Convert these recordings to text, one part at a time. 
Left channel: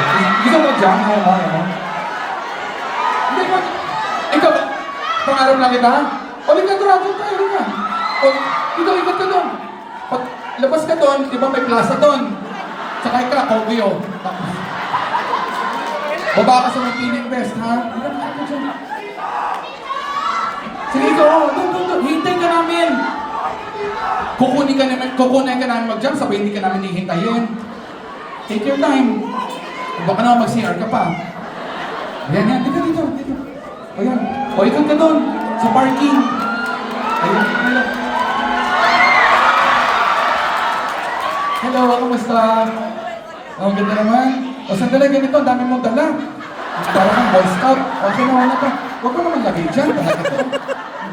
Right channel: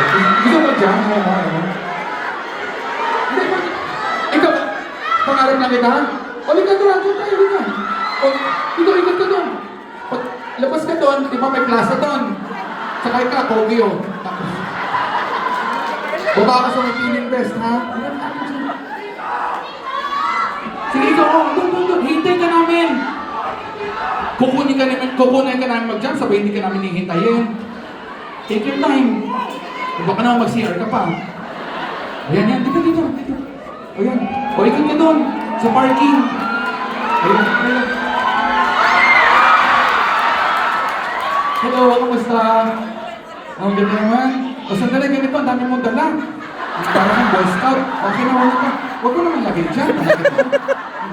Gusto mo dyan? Oo. Hindi ba? Ikaw, pangarap na kita? O, ligat doon tayo, ligat. O, dito, ligat ka doon. Pag labas ka doon, di ba may plaza doon? Sakay ka, Kobe o. Baba ka sa mag-feeling best, ha? Sige, ikaw, doon. Hintay ka namin. Kukunin ka namin mag-jump, sabay hindi ka namin hihintayin. Take your time. Baka naman mag-CR ka pa. Yan. Dito. O yan. O, ikot ka doon. Sa parking. Ayan. Hello, kamusta? Ang ganda naman. O, sandali, ganito. Ang dami mong dala. Parang ang Boy Scout. Okay na, wala ka. Huwag mo naman lagay dyan.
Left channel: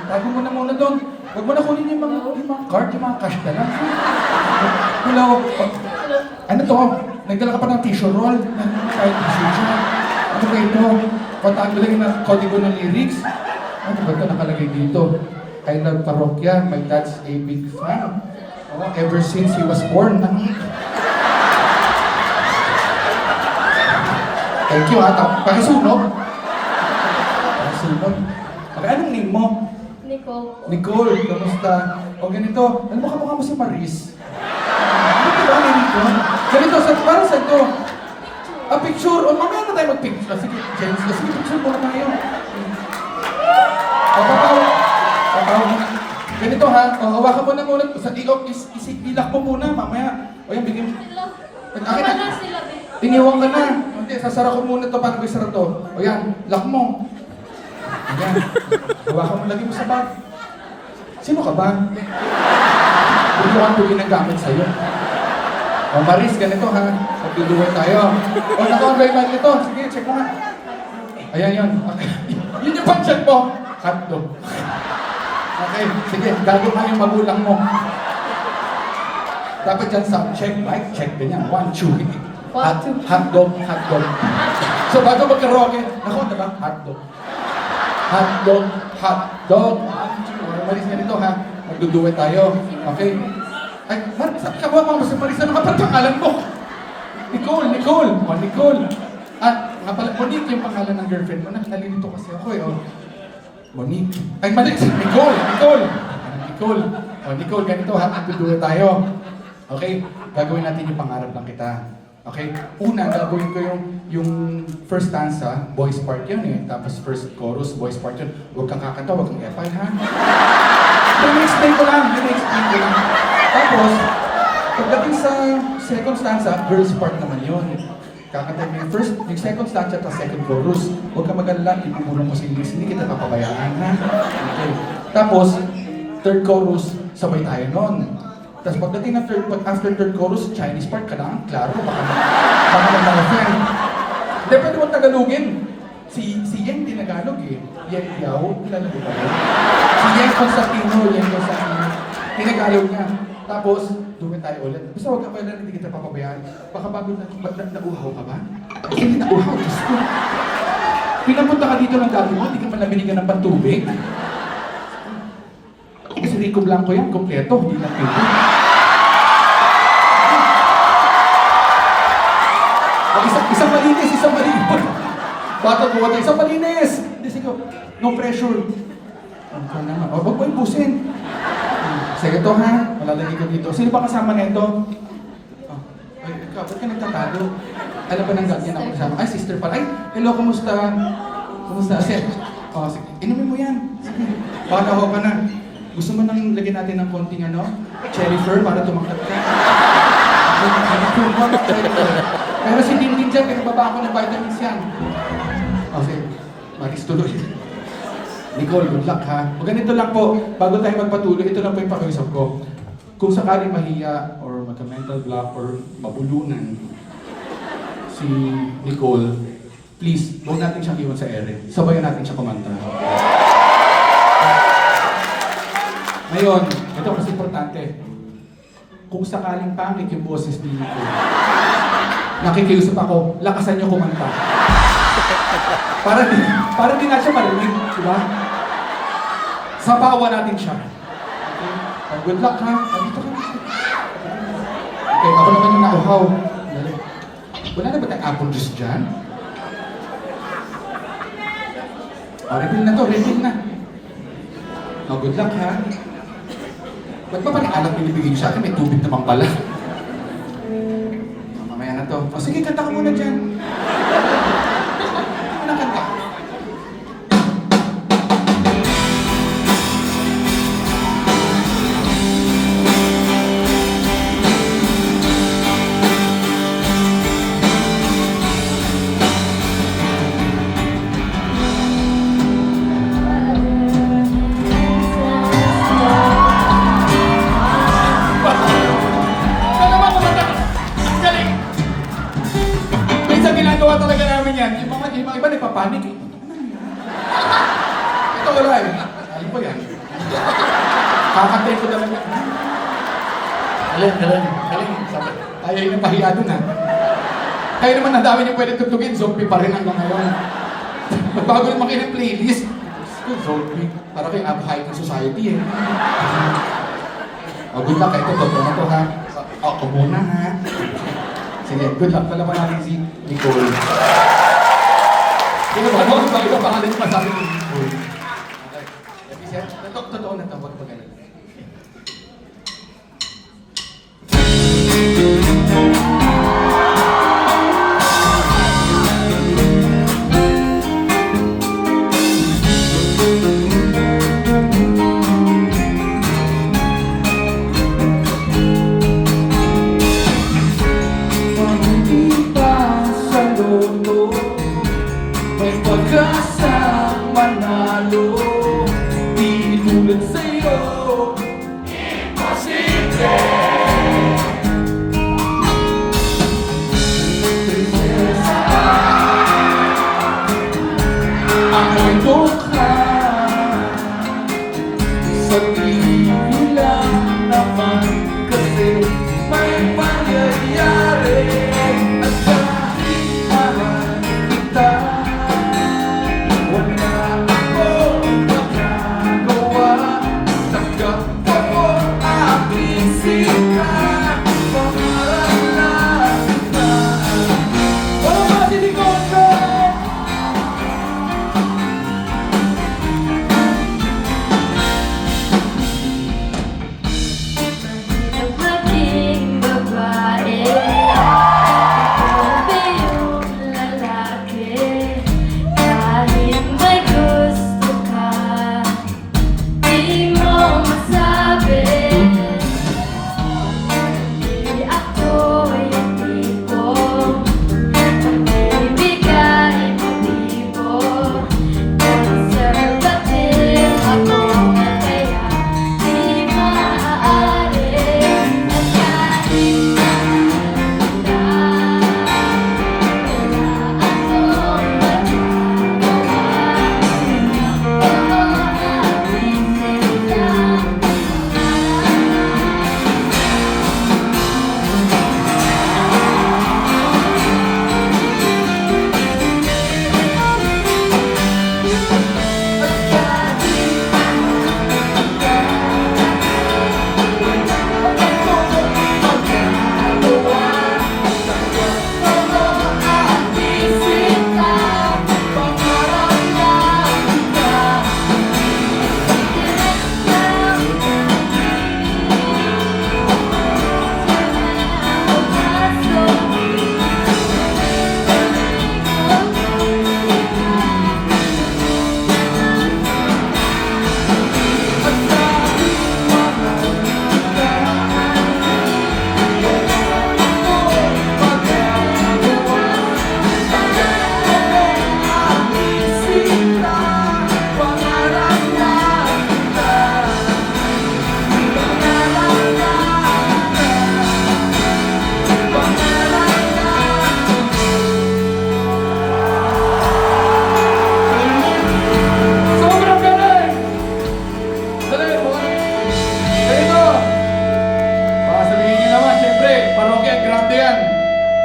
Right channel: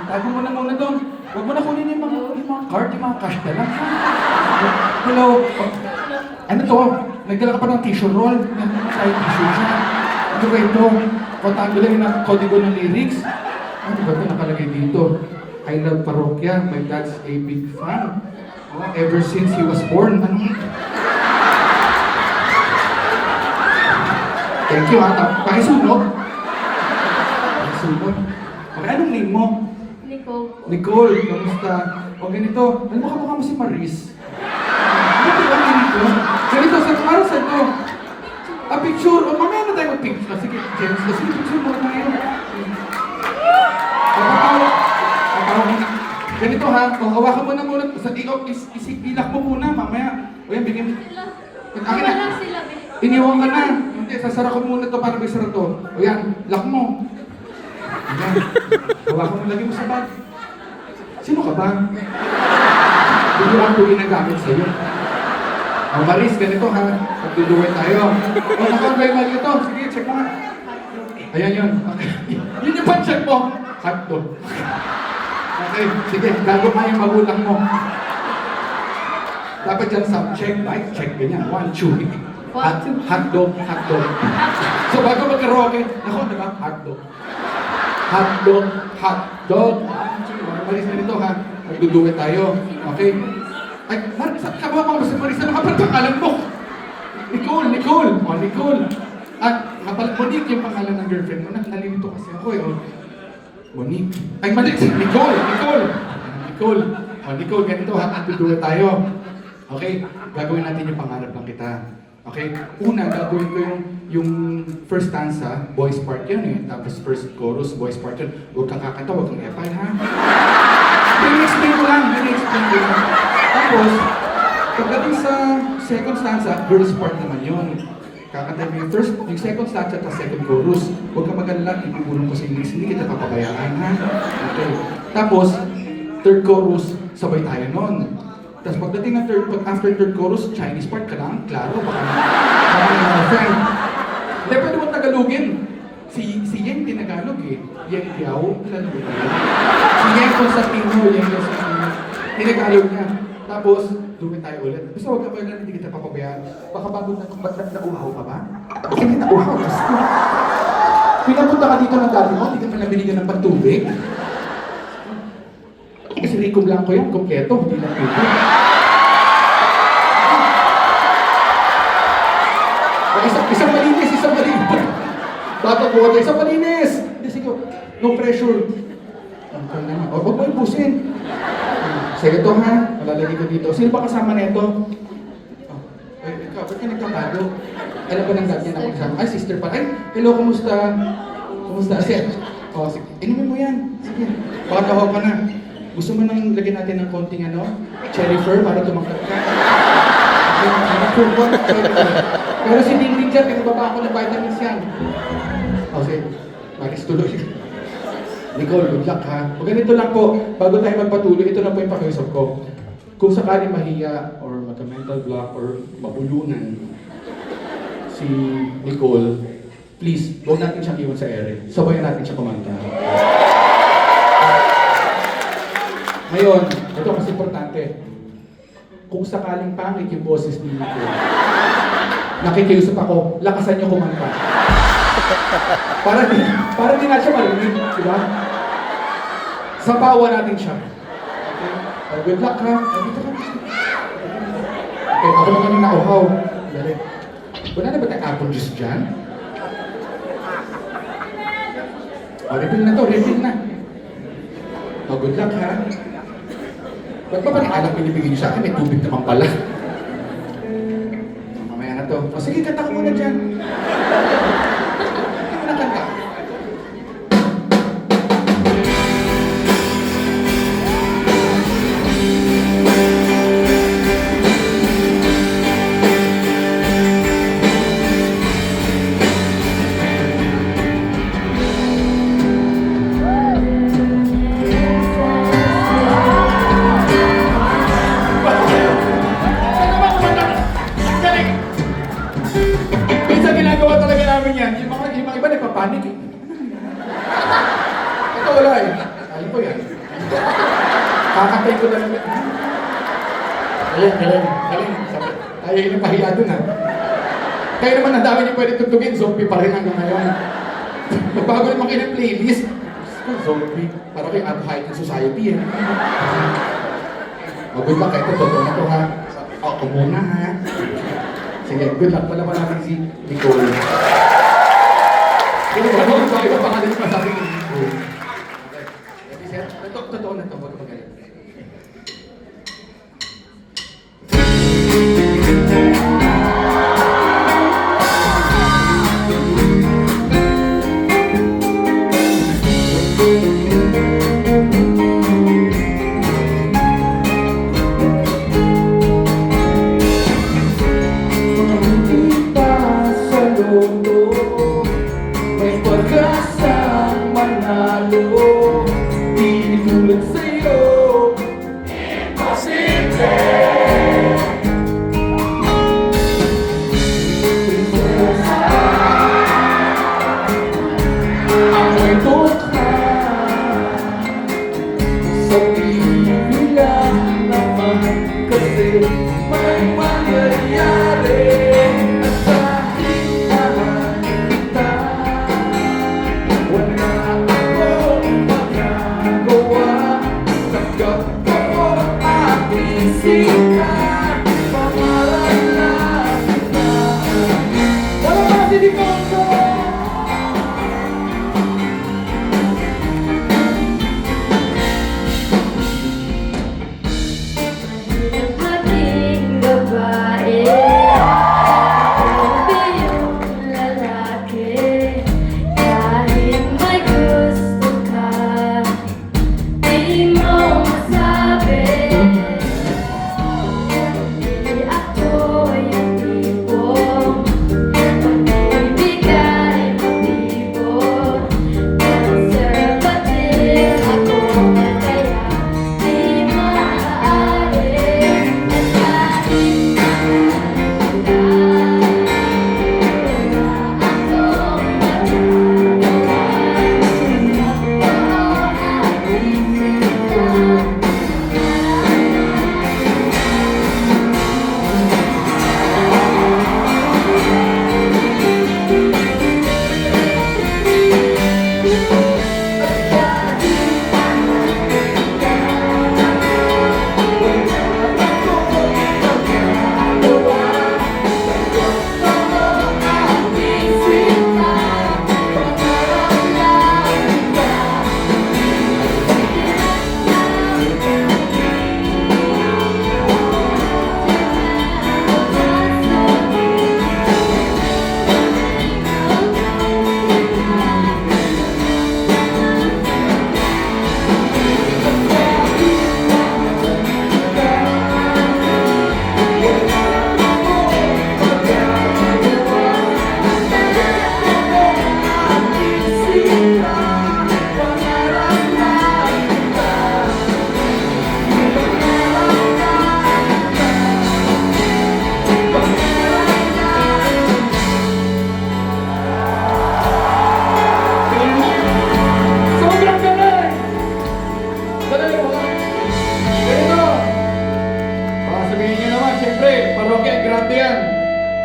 Tago mo na muna doon. Huwag mo na kunin yung mga card, yung mga cash na lang. Hello. Ano to? Nagdala ka pa ng tissue roll. Kahit tissue siya. Ano ba ito? Kontaan ko lang yung kodigo ng lyrics. Ano ba ito nakalagay dito? I love Parokya. My dad's a big fan. Oh, ever since he was born. Ano? Thank you ha. Pakisunog. Okay, anong name mo? Nicole, kamusta? O ganito, alam mo kamukha mo si Maris? Ano ba ganito? Ganito, para sa ito. Picture. O mamaya na tayo mag-picture. Sige, James, sige, picture mo na tayo. Papaw. Ganito ha, o hawakan mo na muna. Sa ilak mo muna, mamaya. O yan, bigyan mo. Iniwan ka na. Hindi, sasara ko muna ito para isara to. O yan, lock mo. Ayan. Hawakan mo lagi mo sa bag. Sino ka ba? Binuwan ko yung nagamit sa'yo. O Maris, ganito ha. Magduduwet tayo. O naka-online man ito. Sige, check mo nga. Ayan yun. Yun yung panchat mo. Hotdog. Okay, sige. Gago ka yung magulang mo. Dapat dyan sa check, right? Check ganyan. 1, 2. Hotdog. So bago magkaroke, ako, diba? Hotdog. Maris na nito ha. Magduduwet tayo. Okay? Ay, kabawa mo si Maris. Ano ka pa pangalan mo? Nicole. O, Nicole. At, Monique yung pangalan ng girlfriend mo. Nalilito kasi ako eh. O, Monique. Ay, mali. Nicole. O, Nicole, ganito ha. Magduduwet tayo. Okay? Gagawin natin yung pangarap lang kita. Okay? Una, gagawin ko yung first stanza, boys part yan eh. Tapos first chorus, boys part yan. Huwag kang kakanta, huwag kang epay ha. Explain ko lang. Tapos, pagdating sa second stanza, girls part naman yun. Kakanta mo yung first, yung second stanza at second chorus. Huwag kang mag-alala, ipupulong ko sa English, hindi kita papabayaan ha. Okay. Tapos, third chorus, sabay tayo nun. Tapos pagdating ng after third chorus, Chinese part ka lang, klaro, baka may mga friend. Hindi, pwede mo Tagalogin. Si Yen, tinagalog eh. Yen Yao, kilala mo ba yun? Si Yen Constantino, tinagalog niya. Tapos, dumit tayo ulit. Basta huwag ka ba na hindi kita papabayaan. Baka bago nauhaw ka ba? Hindi nauhaw, gusto. Pinapunta ka dito ng dati mo, hindi ka pa nabinigyan ng pantubig. Kasi Rico Blanco yan, kompleto, hindi lang ito. Isang malinis. Bata po tayo, isang malinis! Hindi, sige, no pressure. Huwag mo ipusin. Sige ito ha, malalagay ko dito. Sino ba kasama na ito? Ikaw, ba't ka nagtatago? Alam ko nang ganyan ako kasama. Ay, sister pa. Ay, hello, kumusta? Sige, inumin mo yan. Sige, pagkahaw ka na. Gusto mo nang lagyan natin ng konting cherry fur para tumakot ka? Pero si Dinding dyan, pinagbaba ako ng vitamins yan. Okay, Maris tuloy. Nicole, good luck ha. O ganito lang po, bago tayo magpatuloy, ito lang po yung pakiusap ko. Kung sakaling mahiya or magka-mental block or mabulunan si Nicole, please, huwag natin siyang iwan sa ere. Sabayan natin siya kumanta. Ngayon, ito mas importante. Kung sakaling pangit yung boses ni Nicole, nakikiusap ako, lakasan niyo kumanta. Para di nga siya marinig, di ba? Sabawan natin siya. Okay? Good luck ha. Dito ka. Okay, ako naman yung nauhaw. Dali. Wala na ba tayong apple juice dyan? Refill na to, refill na. Good luck ha. Ba't ba parang alak binibigay sa akin? May tubig naman pala. Mamaya na to. Sige, kanta ko muna dyan. Ano kanta? Minsan ginagawa talaga namin yan. Yung mga iba nagpapanik eh. Ito wala eh. Alam ko yan. Kakantay ko talaga. Galing. Ayaw yung pahiya dun ha. Kaya naman ang dami niyo pwede tutugin. Zombie pa rin hanggang ngayon. Magbago yung makinig playlist. Zombie. Para kayo up-high society eh. Good luck. Ito, totoo na to ha. Ako muna ha. Sige, good luck. Pala pa natin si Nicole. Sige, sabi ko pangalan niya masabi ni Nicole. Okay. Totoo na ito. Huwag magaling. May pagkasang manalo, di tulad sa'yo, imposible. Prinsesa, ako'y dukha, sa TV lang naman kasi may mangyayari.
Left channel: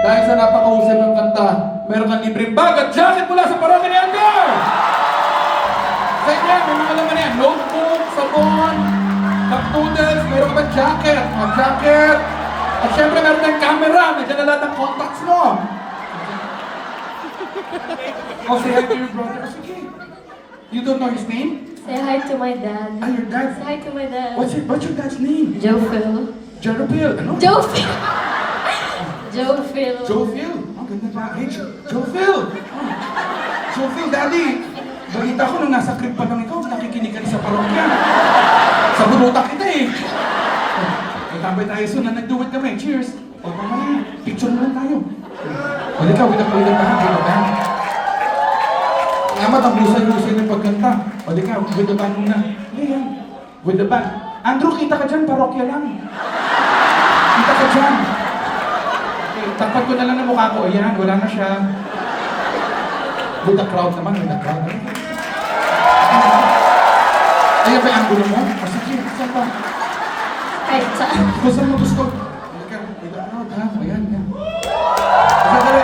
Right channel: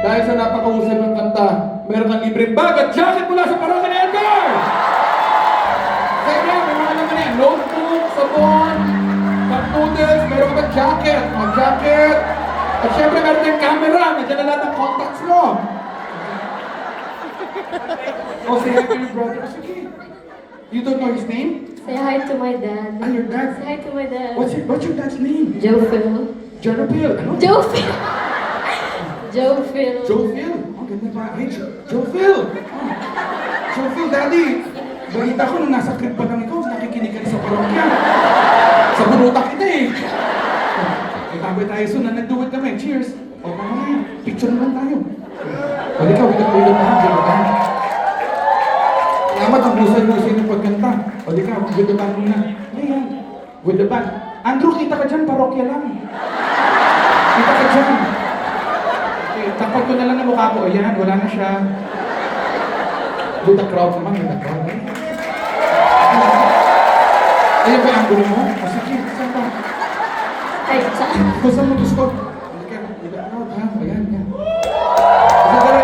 Dahil sa napakahusay ng kanta, meron kang libreng bag at jacket mula sa Parokya ni Edgar! Sa inyo, may mga naman yan, notebook, sabon, nag-noodles, meron ka ba jacket? Jacket! At syempre meron tayong camera, nandiyan na lahat ng contacts mo. Oh, say hi to your brother. Oh, sige. You don't know his name? Say hi to my dad. Ah, your dad. Say hi to my dad. What's your dad's name? Joe Phil. Jerapil. Ano? Joe Phil. Joe Phil. Joe Phil. Oh, ganda na. Hey, Joe Phil. Oh. Joe Phil, Daddy. Balita ko nung nasa crib pa lang ikaw, nakikinig ka rin sa parokya. Sa bunutak kita eh. Itambay tayo soon na nag-do it kami. Cheers. O, tama na yan. Picture na lang tayo. Halika, wala na. Ganda. Salamat ang husay-husay ng pagkanta. Halika, with the band muna. Ayan. With the band. Andrew, kita ka dyan, parokya lang. Kita ka dyan. Okay, tapat ko na lang na mukha ko. Ayan, wala na siya. With the crowd naman, with the crowd. Ayan ba yung angulo mo? Masakit. Saan ba? Ay, saan? Kung saan mo gusto? Halika, with the crowd ha. Ayan, yan. Sandali.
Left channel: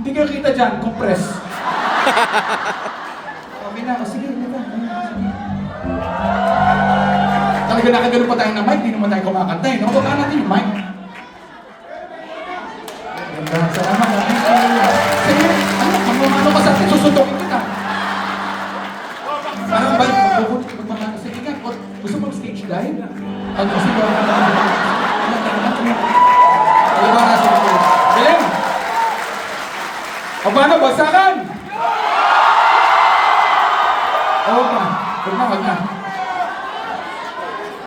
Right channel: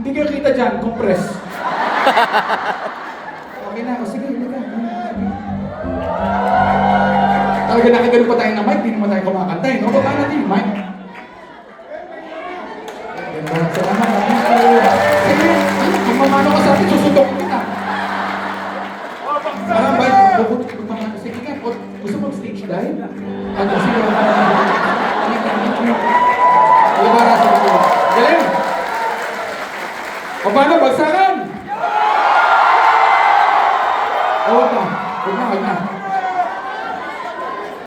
Hindi kayo kita dyan, compress. Okay na, sige, halika. Talaga nakagano pa tayo ng mic, di naman tayo kumakanta eh. No? Baba natin yung mic. Ganda, salamat. Sige, ano, magmamano ka sa atin, susuntok ka na. Parang ba, magmamano, sige nga, gusto mo stage dive? Ano, sige, wala ka na. Diba na sa ito? Galing! O paano, bagsakan? Oo ba? Huwag na.